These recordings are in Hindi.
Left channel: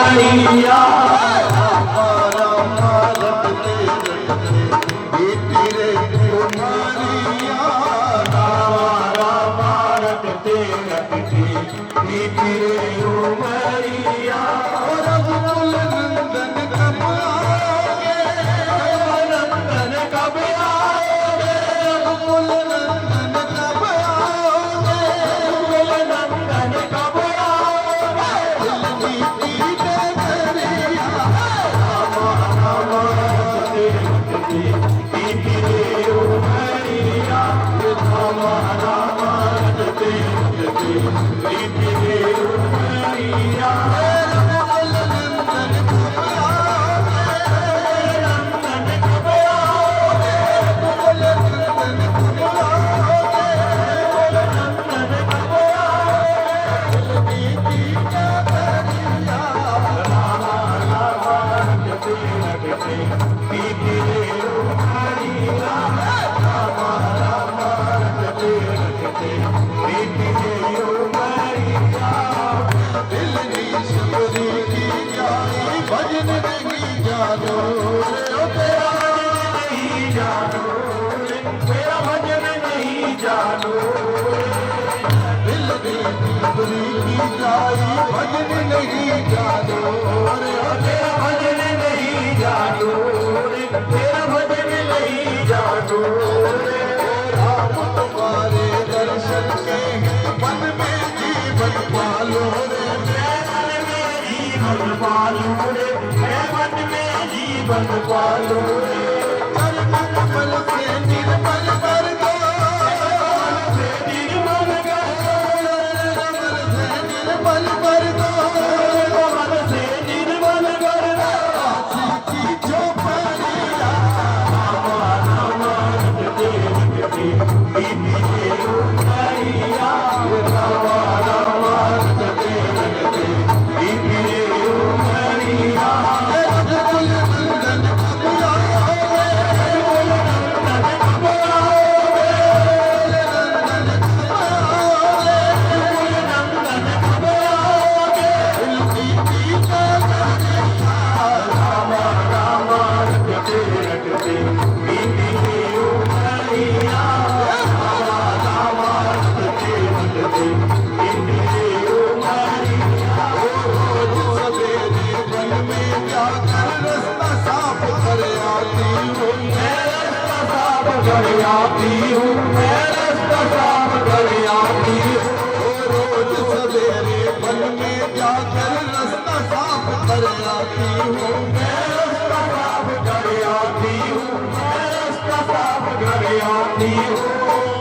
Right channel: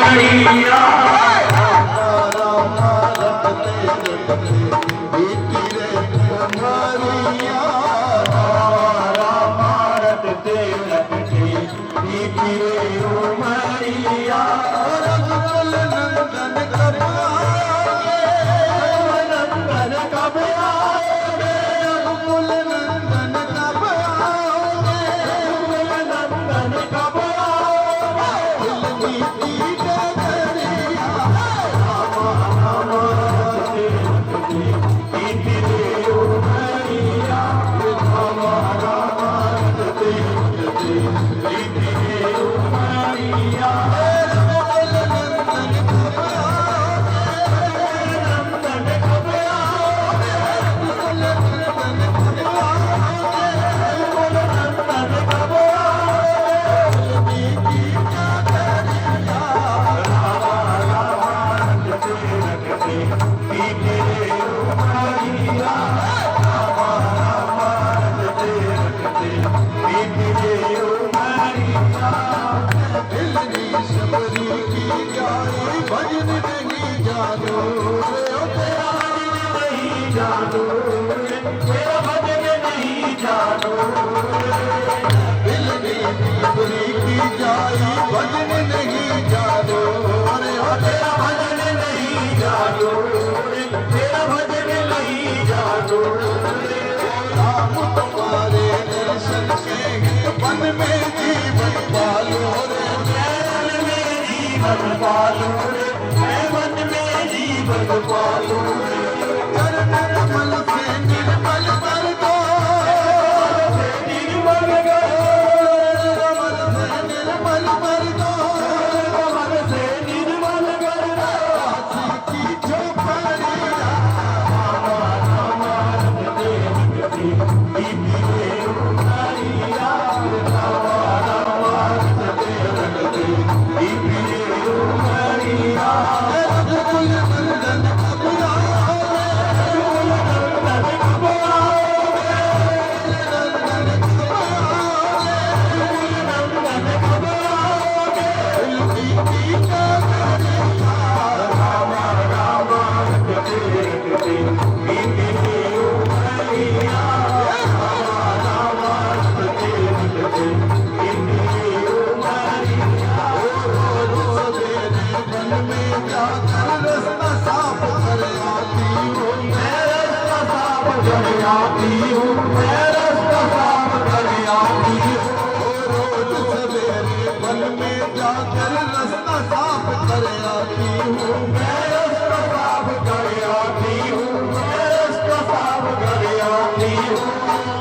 उमरिया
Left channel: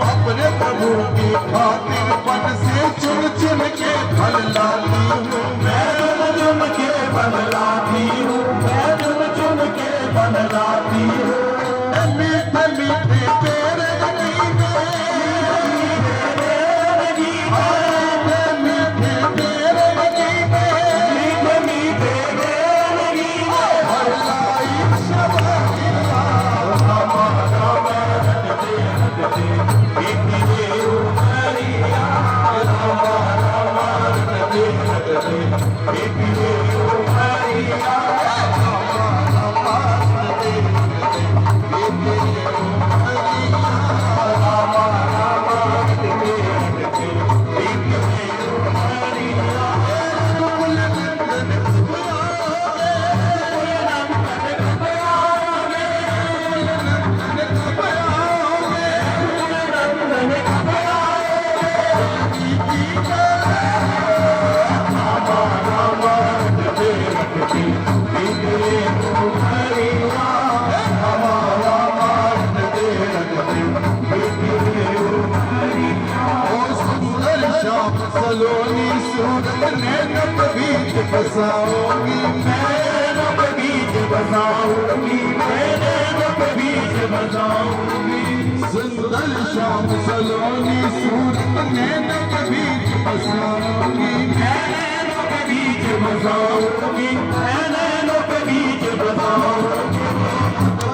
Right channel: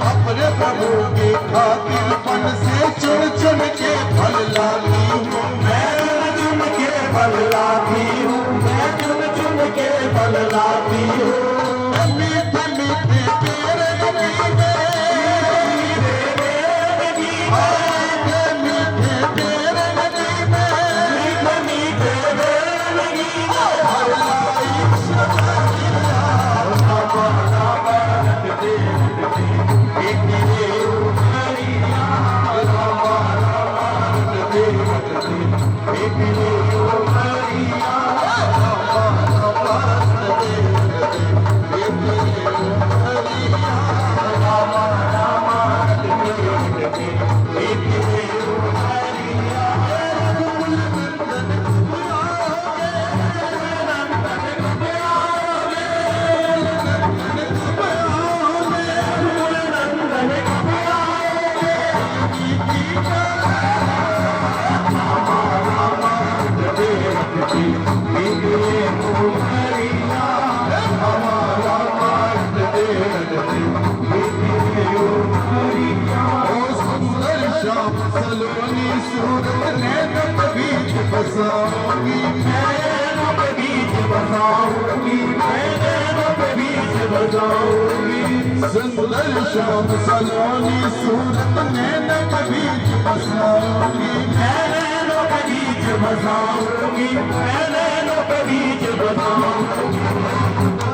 अपने प्रभु की खातिर पन से चुन चुन के फल लाती हूँ मैं, चुन के फल लाती हूँ मैं, चुन चुन के फल लाती हूँ। मीठे मीठे तेरे मीठे सलोनी सूरत नैन बीच बसाऊंगी मैं, बीच बसाऊंगी मैं, बीच बसाऊंगी। सुंदर शाम सलोनी सूरत नैन बीच बसाऊंगी मैं, बीच बसाऊंगी मैं, बीच बसाऊंगी।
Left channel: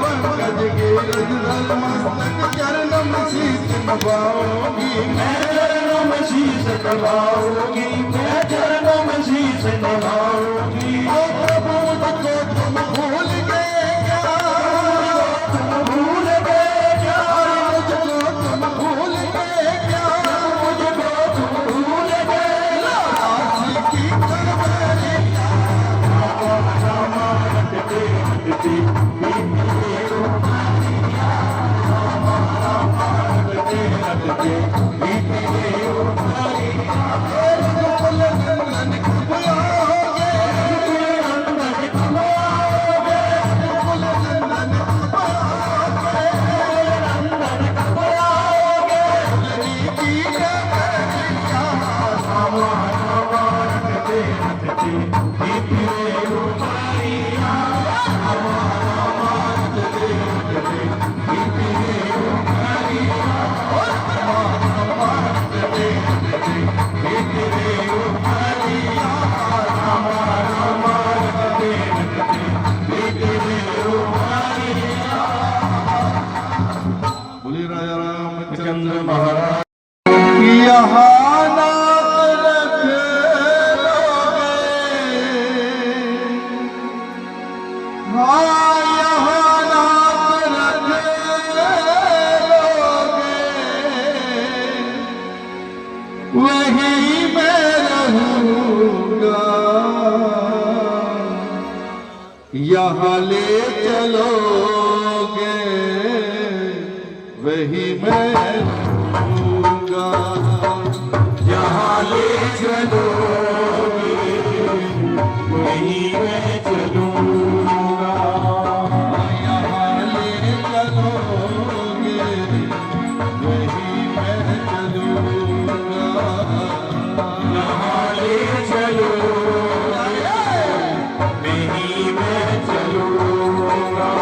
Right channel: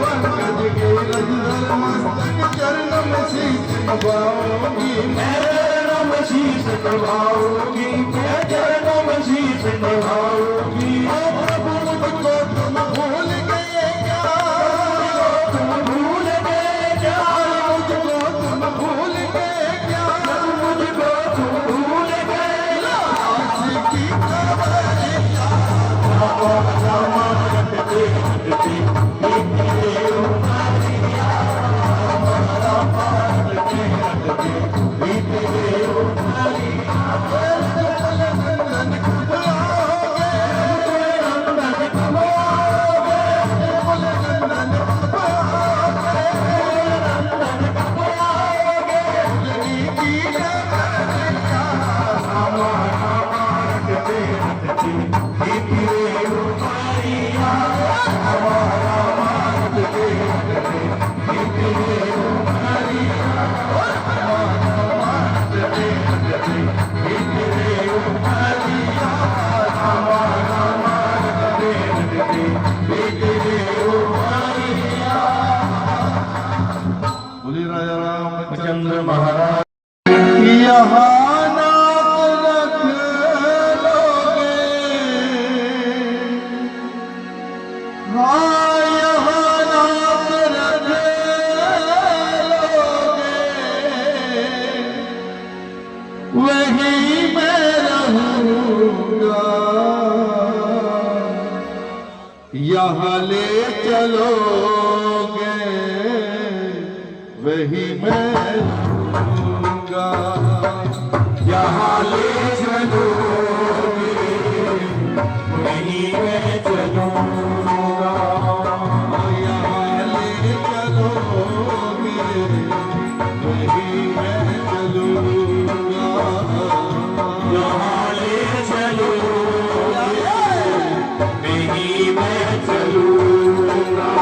पंकज के रजल मस्तक चरण में शीश नवाऊंगी मैं, शीश नवाऊंगी मैं, चरणों में शीश नवाऊंगी। रामचंद्र महाराज यहाँ नाम रख लोगे, हाँ यहाँ नाम रख लोगे, वहीं मैं रहूँगा, यहाँ ले चलोगे वही मैं रहूँगा, यहाँ ले चलोगे वही मैं चलूँगा, यहाँ ले चलोगे वही मैं चलूँगा, यहाँ ले चलोगे वही मैं चलूँगा।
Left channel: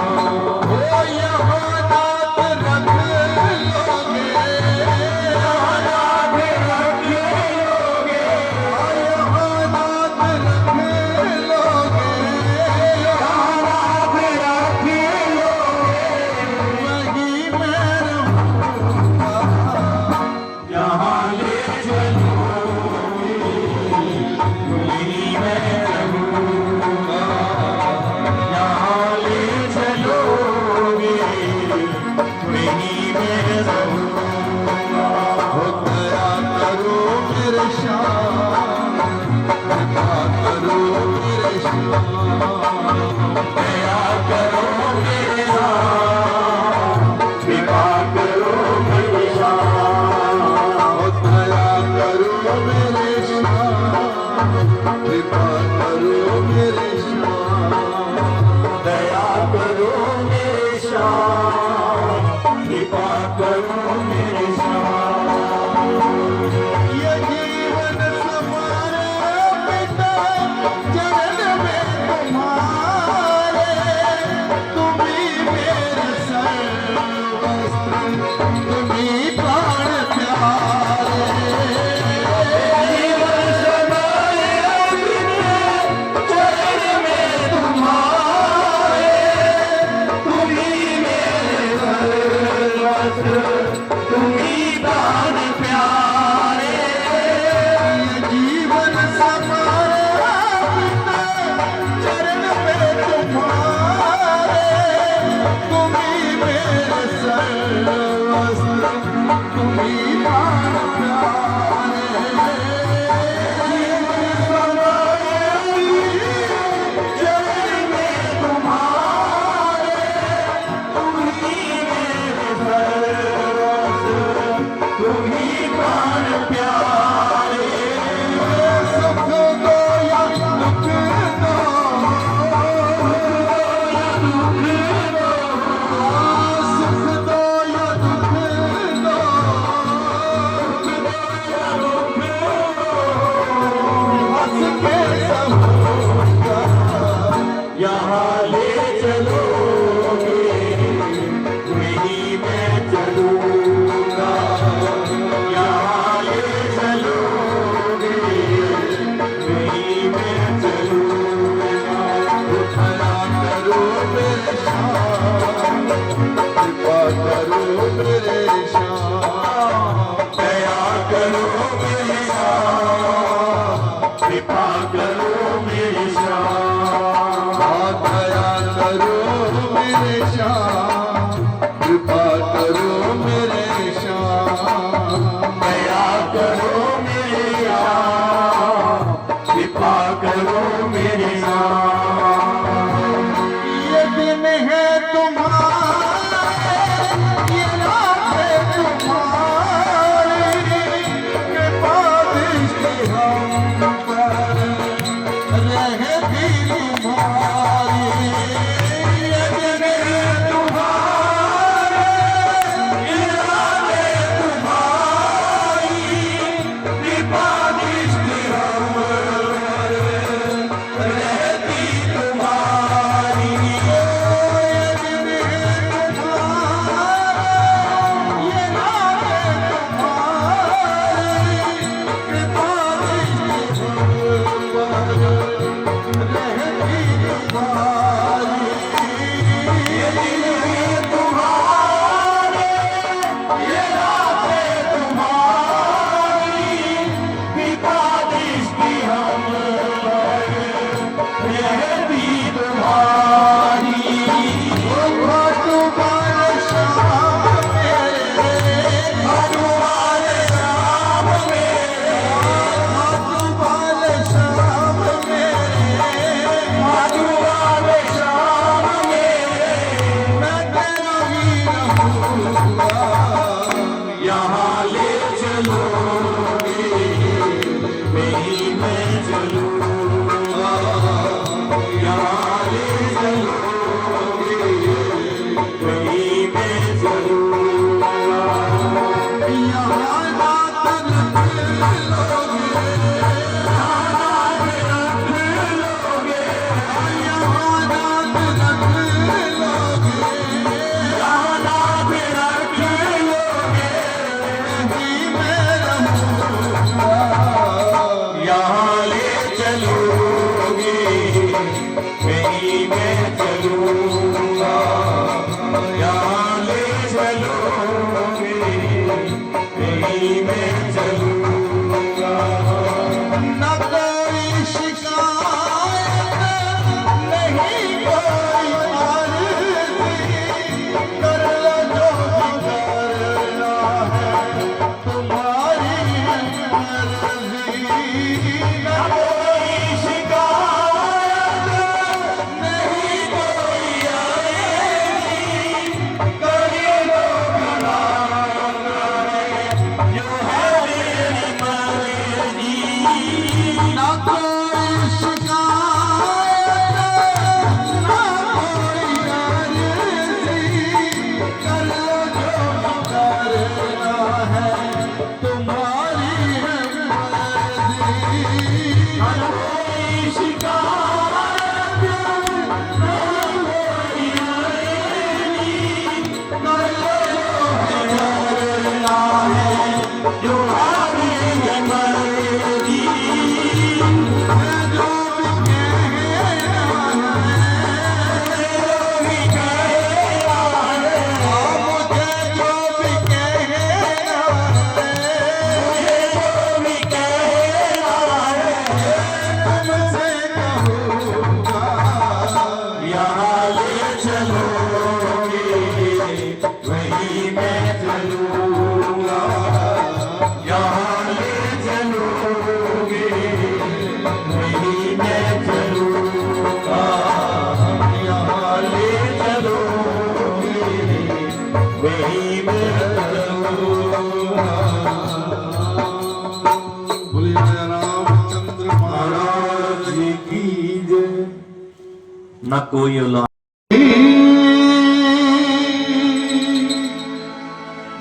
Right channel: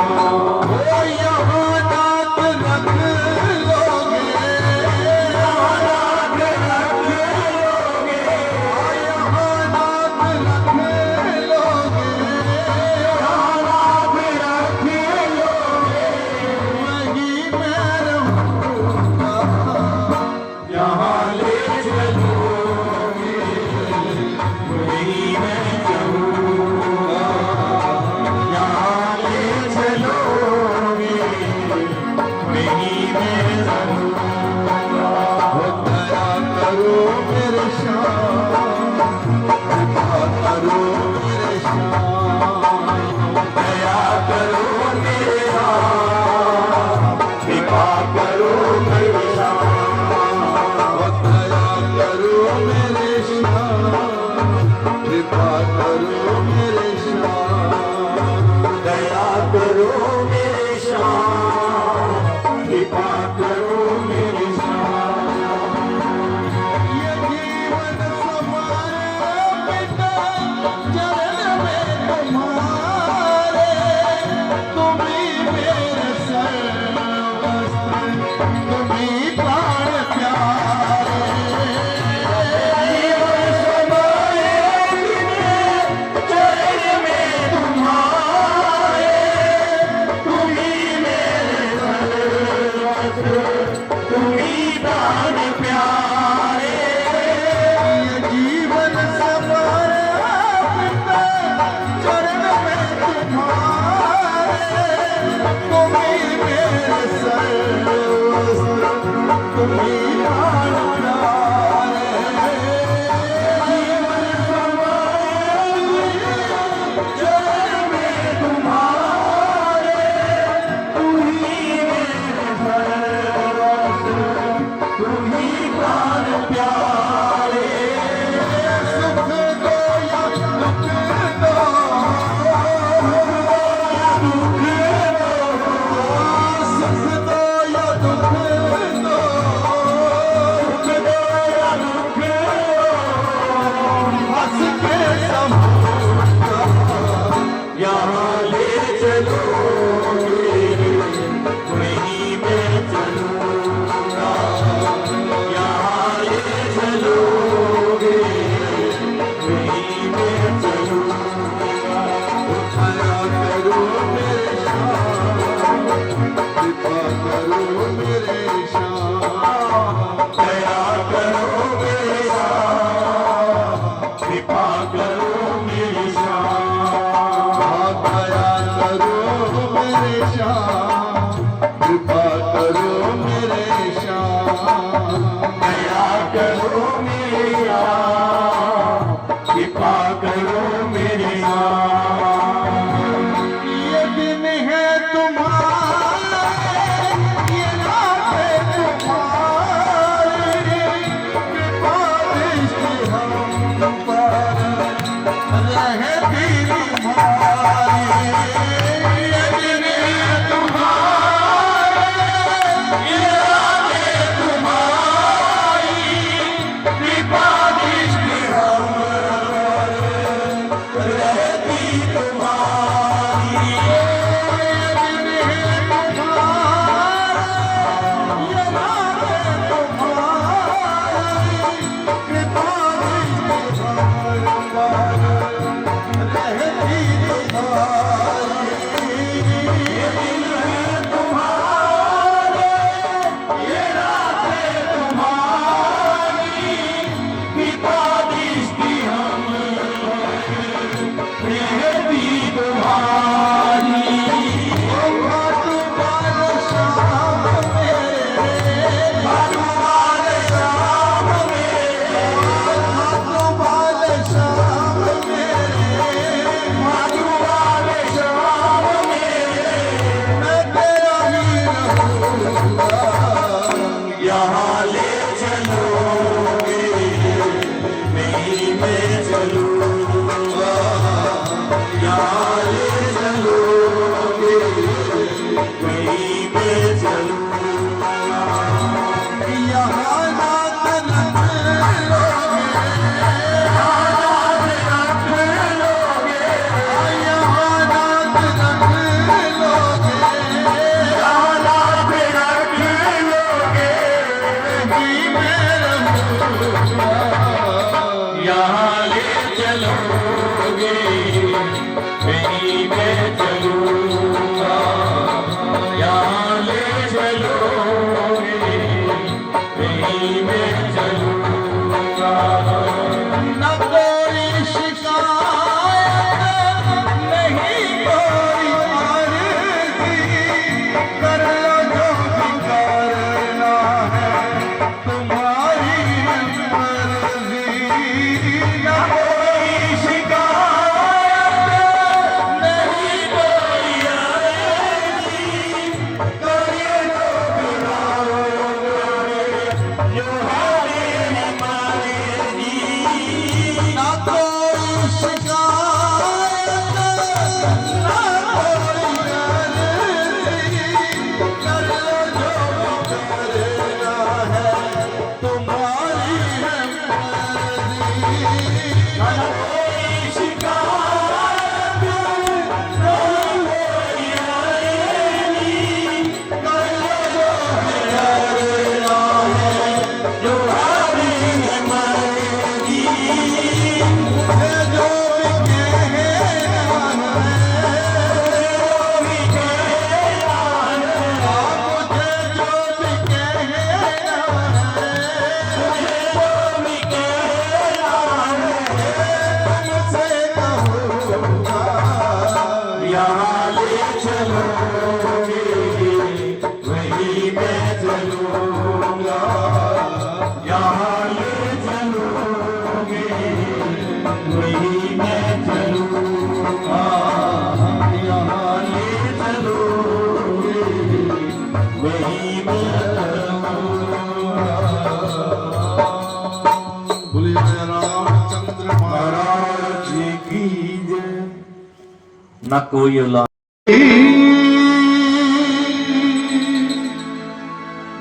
न कोई औलाद।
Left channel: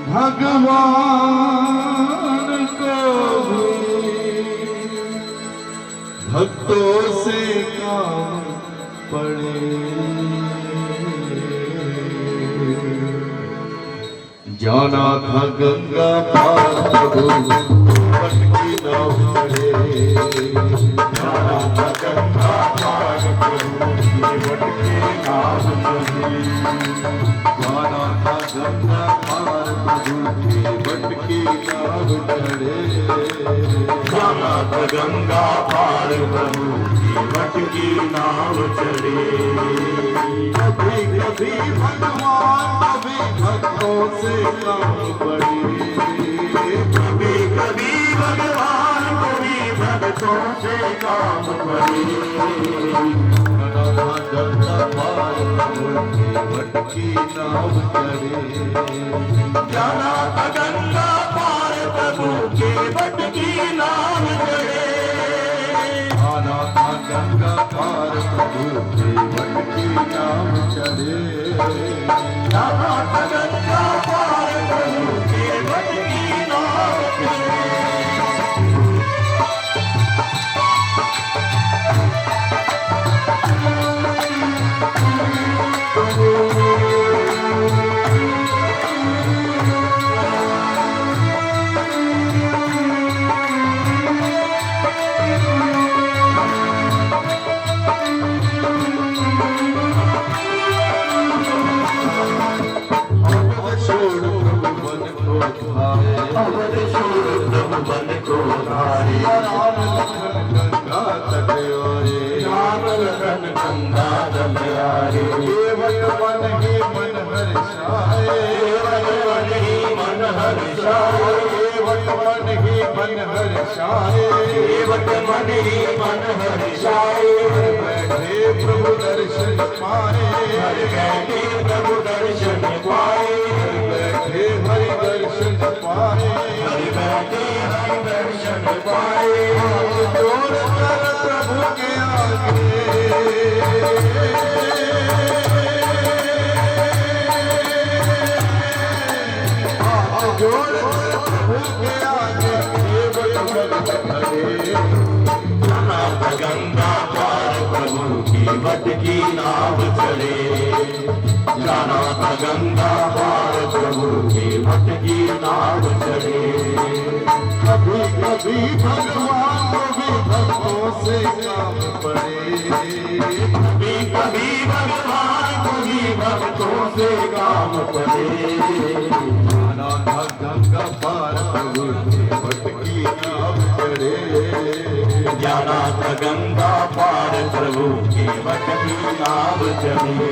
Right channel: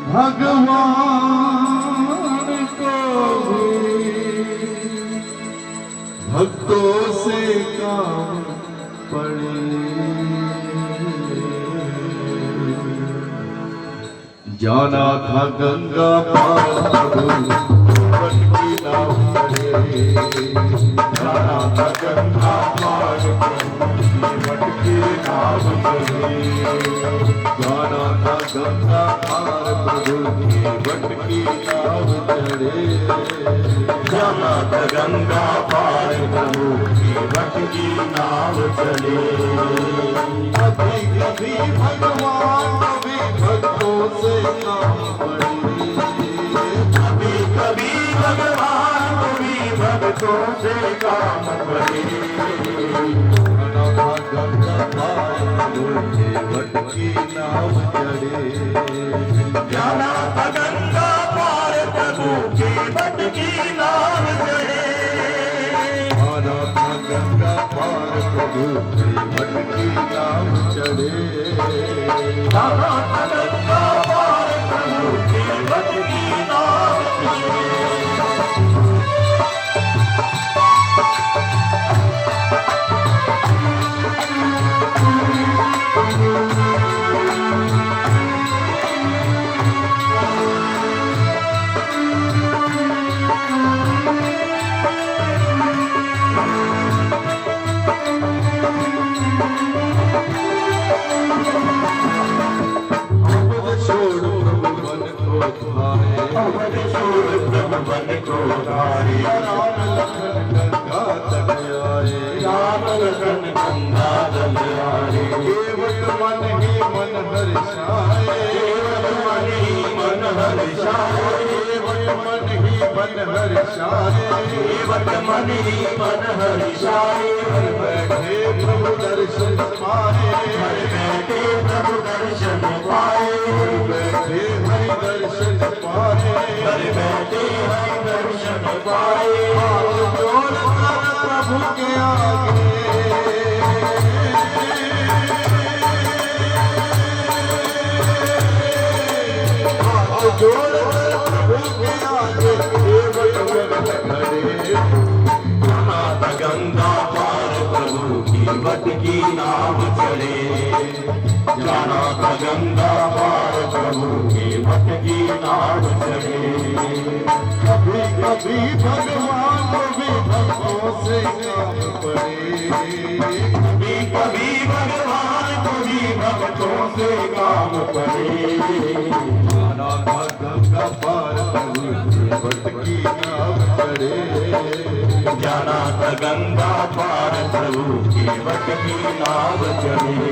भगवान को भक्तों से काम पड़े, जाना था गंगा पार भटकी नाव चढ़े, जाना था गंगा पार भटकी नाव चढ़े, जाना था गंगा पार भटकी नाव चढ़े, जाना था गंगा पार प्रभु की भटकी नाव चढ़े। कभी कभी भगवान कभी भक्तों से काम पड़े, कभी कभी भगवान कभी भक्तों से काम पड़े, गंगा पार भटकी नाव चढ़े, जाना था गंगा पार प्रभु की भटकी नाव चढ़े, आना था गंगा पार प्रभु की भटकी नाव चढ़े, जाना था गंगा पार प्रभु की भटकी नाव चढ़े। प्रभु दर्शन पाए, प्रभु दर्शन पाए, बैठे हरि दर्शन पाए, बैठे हरि दर्शन पाए, हाथ जोड़कर प्रभु के आगे, हाथ जोड़कर प्रभु के आगे खड़े, गंगा पार प्रभु की भटकी नाव चढ़े, जाना था गंगा पार प्रभु की भटकी नाव चढ़े। कभी कभी भगवान कभी भक्तों से काम पड़े, कभी कभी भगवान कभी भक्तों से काम पड़े, जाना था गंगा पार प्रभु की भटकी नाव चढ़े, जाना था गंगा पार प्रभु की भटकी नाव चढ़े।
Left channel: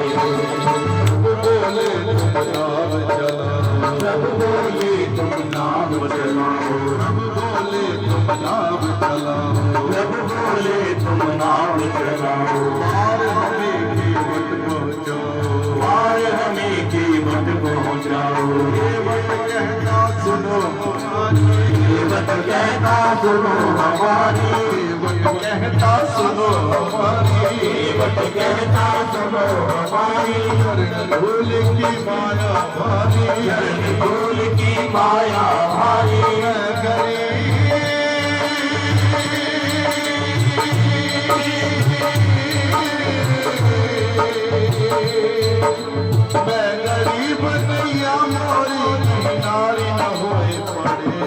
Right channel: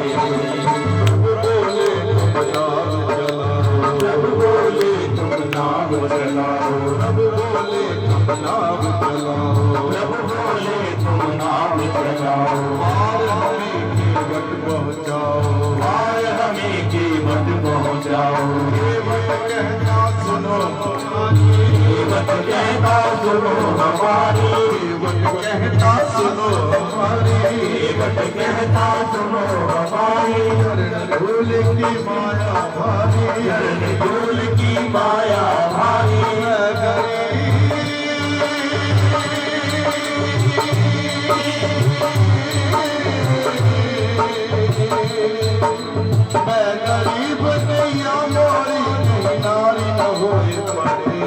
बोले तुम नाव चलाओ, प्रभु बोले तुम नाव चलाओ, प्रभु बोले प्रभु बोले तुम नाव चलाओ, तुम नाव चलाओ, आए हमें कीमत पहुँचाओ, आए हमें कीमत पहुँचाओ। कहता सुनो कीमत कहता सुनो हमारी, कहता सुनो हमारी, कीमत कहता सुनो हमारी, भूल की माया भारी, भूल की माया भारी, मैं गरीब नैया मोरी नारी न होए पड़े,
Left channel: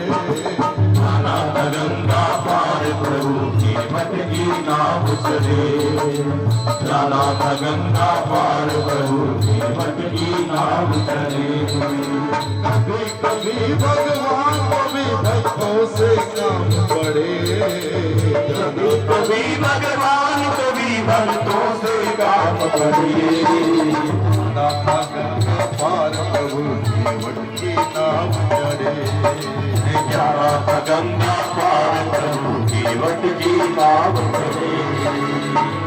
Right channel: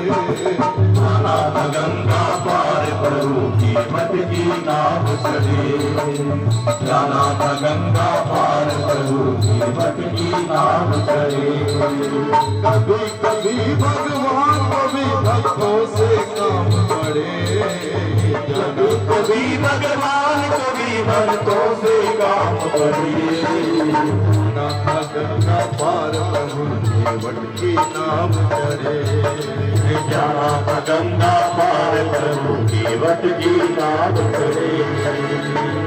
जाना था गंगा पार प्रभु की भटकी नाव चढ़े, जाना था गंगा पार प्रभु की भटकी नाव चढ़े। कभी कभी भगवान कभी भक्तों से काम पड़े, कभी कभी भगवान कभी भक्तों से काम पड़े, नाथा गंगा पार प्रभु की भटकी नाव चढ़े, जाना था गंगा पार प्रभु की भटकी नाव चढ़े।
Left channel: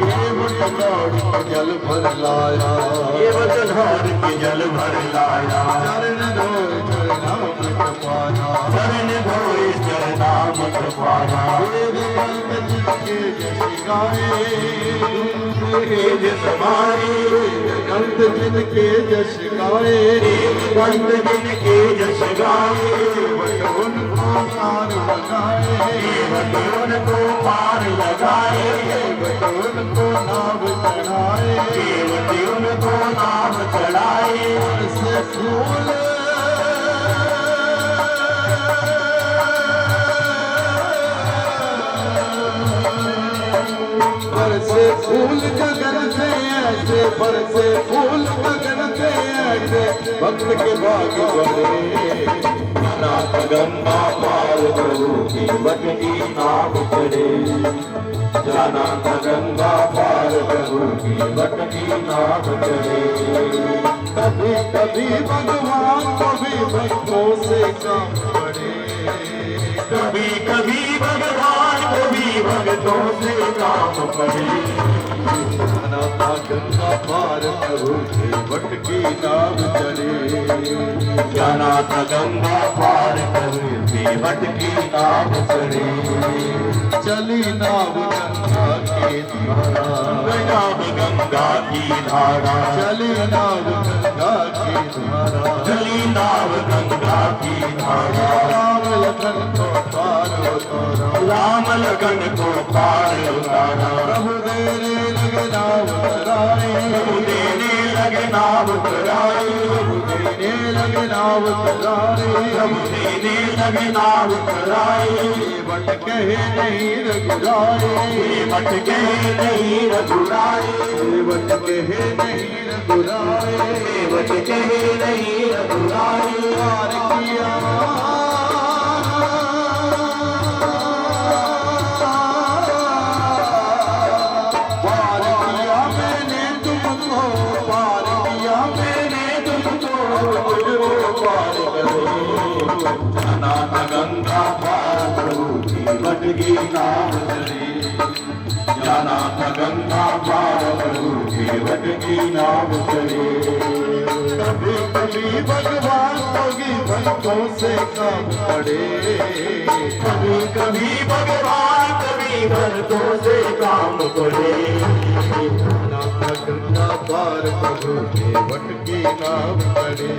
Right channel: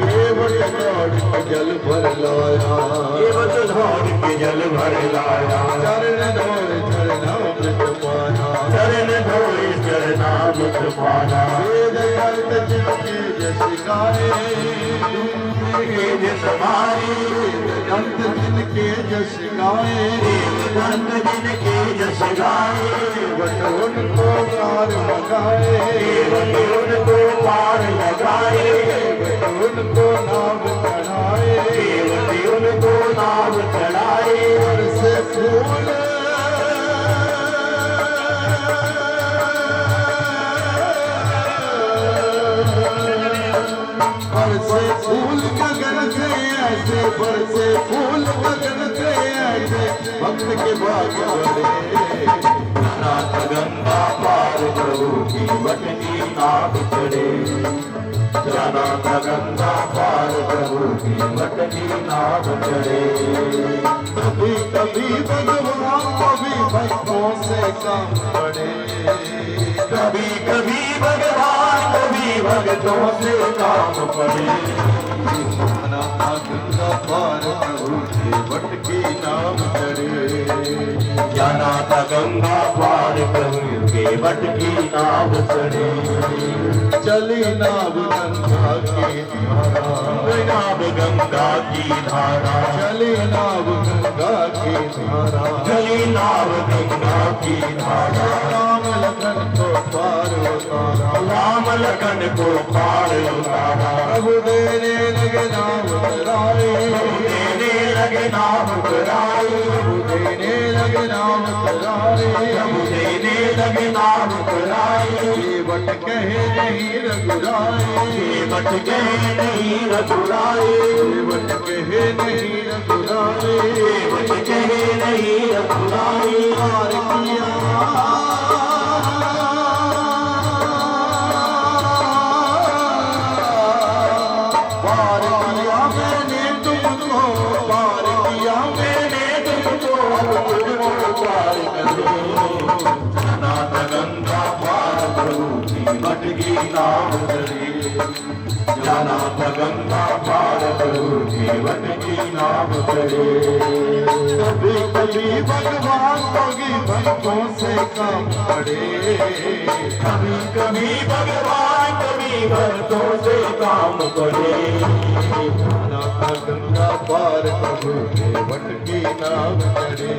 केवल दौड़ के जल भर लाया, केवल धार के जल भर लाया, चरण धोए चरणामृत पाया, चरण धोए चरणामृत पाया, वेद कल्प जिनके जस गाए, जिस गाए अंत दिन के जश गाए अंत दिन के जश गाए उनको पार लगाए उनको पार लगाए उनको नाम चढ़ाए उनको नाम चढ़ाए से फूल बरसे फूल गगन से ऐसे बरसे फूल गगन से ऐसे भक्त के बाग बड़े नाथ गंगा पार प्रभु की बट की नाव चढ़े नाथ गंगा पार प्रभु की बट की नाव चढ़े कभी कभी भगवान को भी भक्तों से काम पड़े कभी कभी भगवान को भी भक्तों से काम पड़े गंगा पार प्रभु की बट की नाव चढ़े नाथ गंगा पार प्रभु की बट की नाव चढ़े चली नाव गंगा की धारा नाव गंगा की धारा चली नाव गंगा की धारा चली नाव गंगा की धारा राम लखन को पार उतारा राम लगन को पार उतारा प्रभु देने लगे नाव कराए देने लगे नाव कराई प्रभु देने लगे नाव कराए देने लगे नाव कराई बट कहे नहीं रघुराए बट के नहीं रघुराए बट कहे नहीं रघुराए बट के नहीं रघुराए पार किया मैंने तुमको पार किया मैंने तुमको मुझको पार करे नाथ गंगा पार प्रभु की बट की नाव चढ़ी नाथ गंगा पार प्रभु की बट की नाव चढ़े कभी कभी भगवान होगी भक्तों से कम पड़े कभी कभी भगवान कभी भक्तों से काम पड़े गंगा पार प्रभु के बट की नाव चढ़े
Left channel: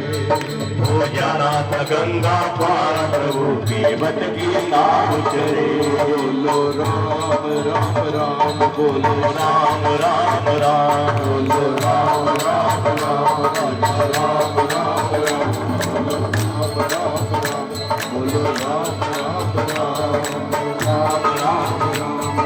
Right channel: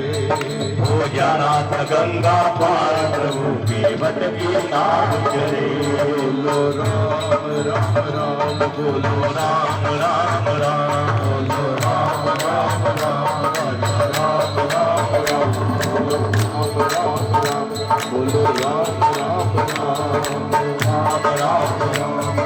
हो नाथ गंगा पार प्रभु की बट की नाव चढ़े बोलो राम राम राम बोलो राम राम राम बोलो राम राम राम राम राम राम बोलो राम राम राम बोलो राम राम राम राम राम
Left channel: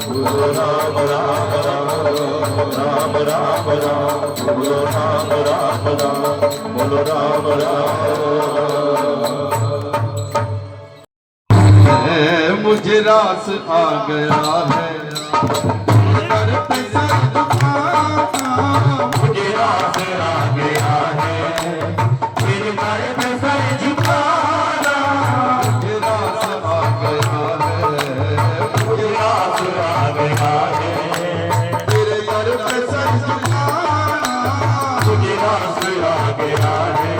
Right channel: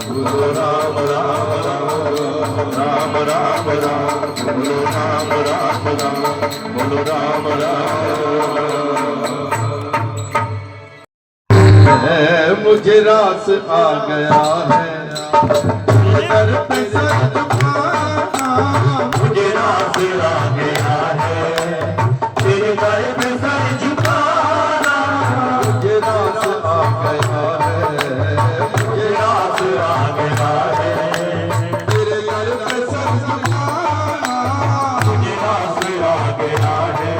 बोलो राम राम राम बोलो राम राम राम बोलो राम राम राम बोलो राम मुझे रास आ गया है दर पे सर झुकाना मुझे रास आ गया है तेरे दर पे सर झुकाना मुझे रास आ गया है मुझे रास आ गया है तेरे दर पे सर झुकाना मुझे रास आ गया है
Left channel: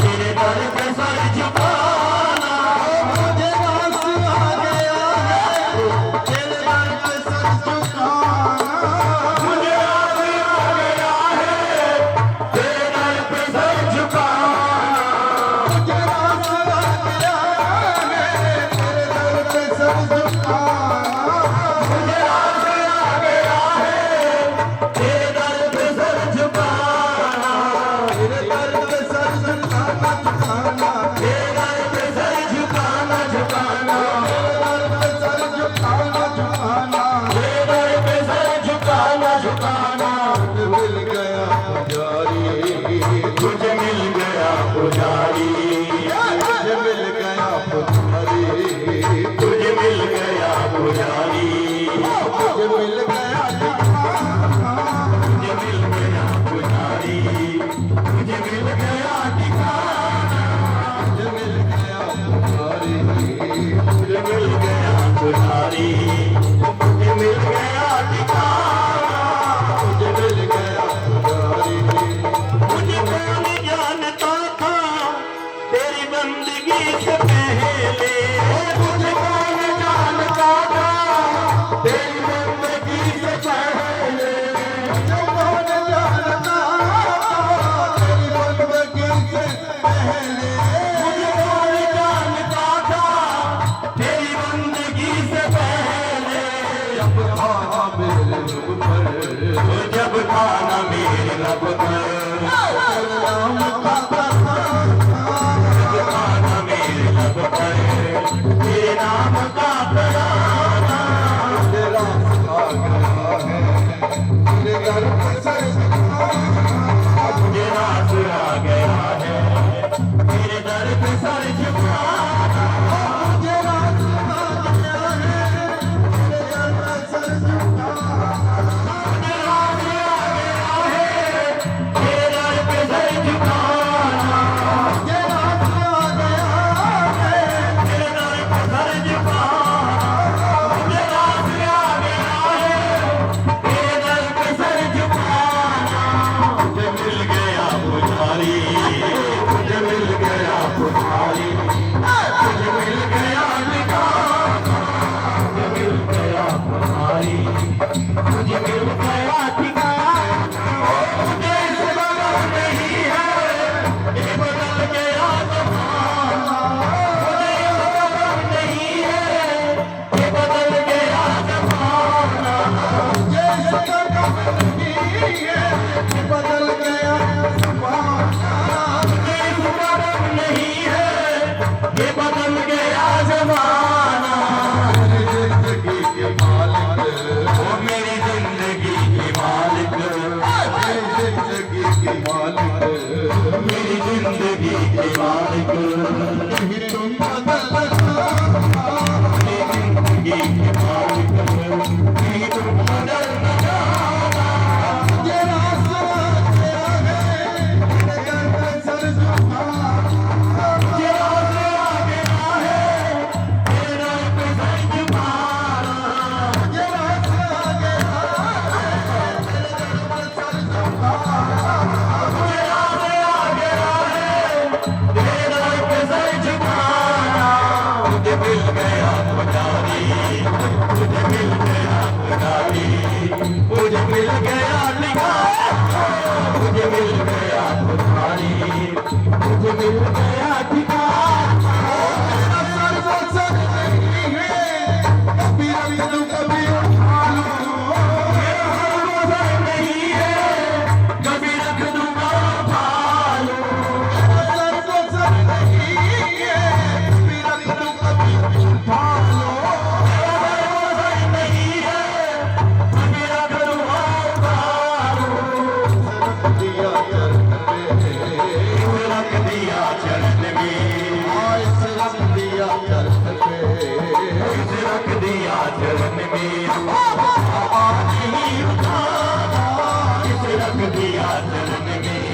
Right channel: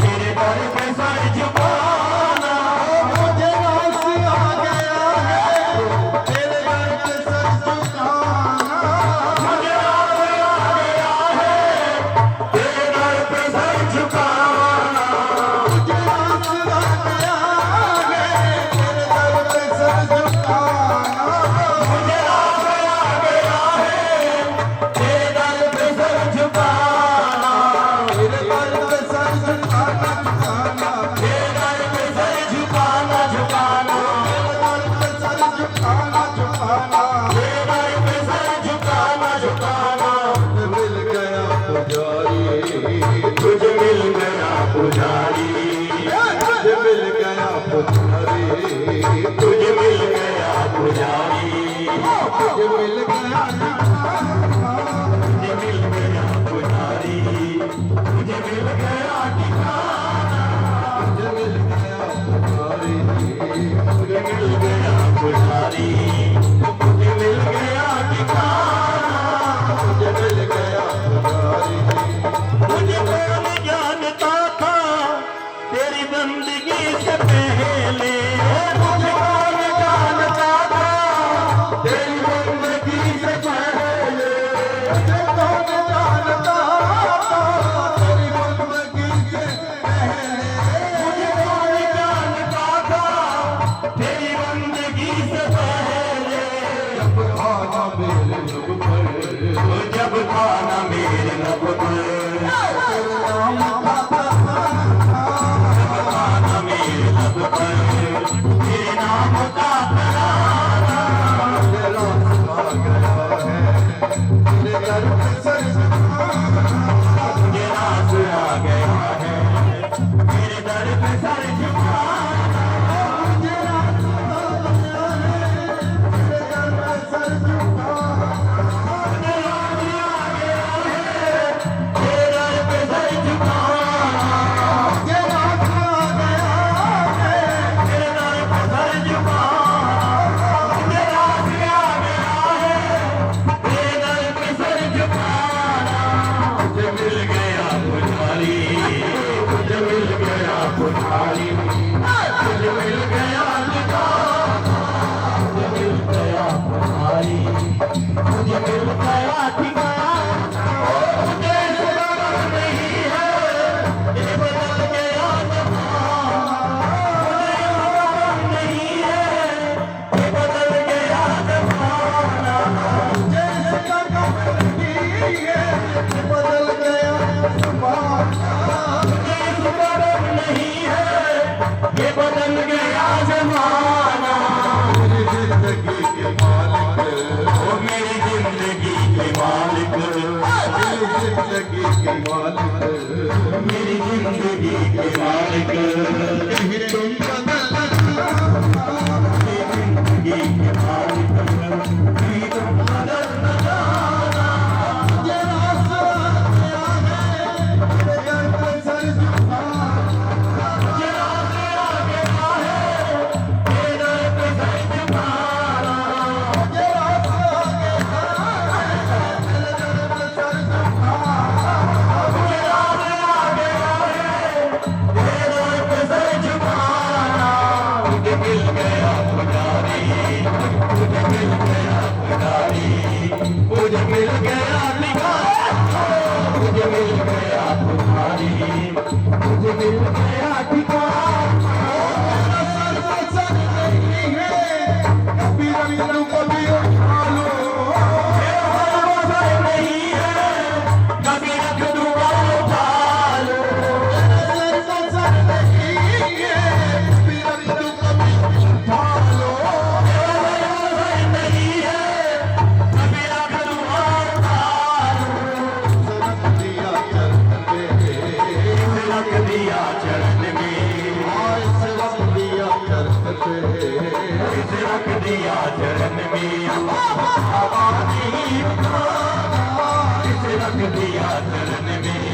तेरे दर पे सर झुकाना मुझे रास आ गया है तेरे दर पे सर झुकाना मुझे रास आ गया है तेरे दर पे सर झुकाना मुझे रास आ गया है तेरे दर पे सर झुकाना मुझे रास आ गया है मुझे मिल गया पुजारी, मुझे मिल गया ठिकाना, मुझे मिल गया पुजारी, मुझे मिल गया पुजारी, मुझे मिल गया ठिकाना, मुझे मिल गया पुजारी। मुझे कौन जानता था तेरी बंदगी से पहले, मुझे कौन जानता था तेरी बंदगी से पहले, मुझे कौन जानता तेरी बंदगी से पहले, मुझे कौन जानता था तेरी बंदगी से पहले, जब खाना मेरे लब पर, जब था न मेरे लब पर, नाम का न मेरे लब पर, तेरे नाम का तराना, तेरा सुना गया है, तेरे घर पे सर तेरा सुना गया है, तेरे दर पे सर झुकाना, तेरा सुना गया है, तेरे घर पे सर झुकाना। तेरा सुना गया है, तेरे दर पे सर झुकाना, तेरा सुना गया है, तेरे दर पे सर झुकाना, तेरा सुना गया है, तेरे दर पे सर झुकाना, मुझे मिल गया पुजारी, मुझे मिल गया पुजारी, मुझे मिल गया ठिकाना, मुझे मिल गया पुजारी, मुझे मिल गया ठिकाना, मुझे सुना नहीं है ये बदल गया ज़माना, मुझे सुना नहीं है ये बदल गया ज़माना, जैसे कदम नहीं है, बदल गया ज़माना। मुझे सुना नहीं है ये बदल गया ज़माना, मेरी जिंदगी के मालिक, ओ मेरी जिंदगी के मालिक, मेरी जिंदगी के मालिक, मेरी जिंदगी के मालिक, कहीं तुम बदलना, मेरी जिंदगी के मालिक, नहीं तुम बदल न जाना, मुझे रास्ता गया है, तेरे घर पे सर झुकाना। मुझे राज आ गया है, तेरे दर पे सर झुकाना, मुझे रास्ता गया है, तेरे घर पे सर झुकाना। मुझे राज आ गया है, तेरे दर पे सर झुकाना, मुझे मिल गया पुजारी, मुझे मिल गया पुजारी, मुझे मिल गया ठिकाना, मुझे मिल गया पुजारी, मुझे मिल गया ठिकाना, कभी रंगू कभी उठा लो, नहीं है कभी रख दूंगा उठा लो, सर को सर नहीं है, कभी रंगू कभी उठा लो। नहीं है कभी रख दूंगा उठा लो, सनक दिया करते, रख दिया चरण में, सनक दिया करते, रख दिया चरण में, आवाज़ ही उठाना, रख दिया चरण में,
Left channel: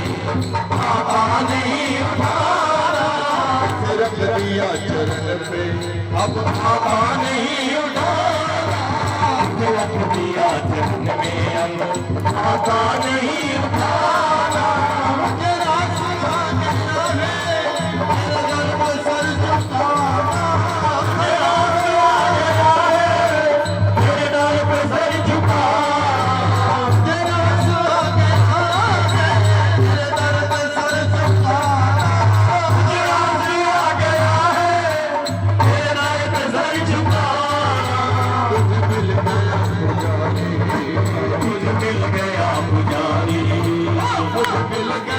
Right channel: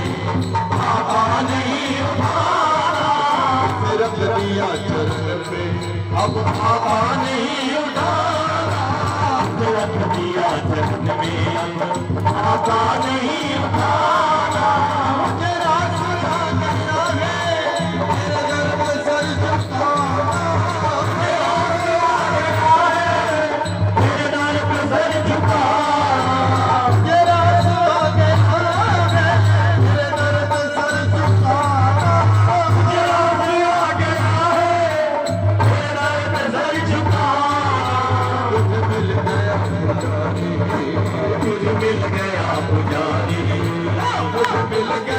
आवाज़ ही उठाना, रख दिया चरण पे, अब आवाज़ नहीं उठाना, रख दिया चरण में, अब आवाज़ नहीं उठाना, तेरा सुना गया है, तेरे घर पे सर झुकाना। तेरे दर पे सर झुकाना, तेरा सुना गया है, तेरे घर पे सर झुकाना। तेरा सुना गया है, तेरे दर पे सर झुकाना, तुझे मिल गया पुजारी, मुझे मिल गया पुजारी, मुझे मिल गया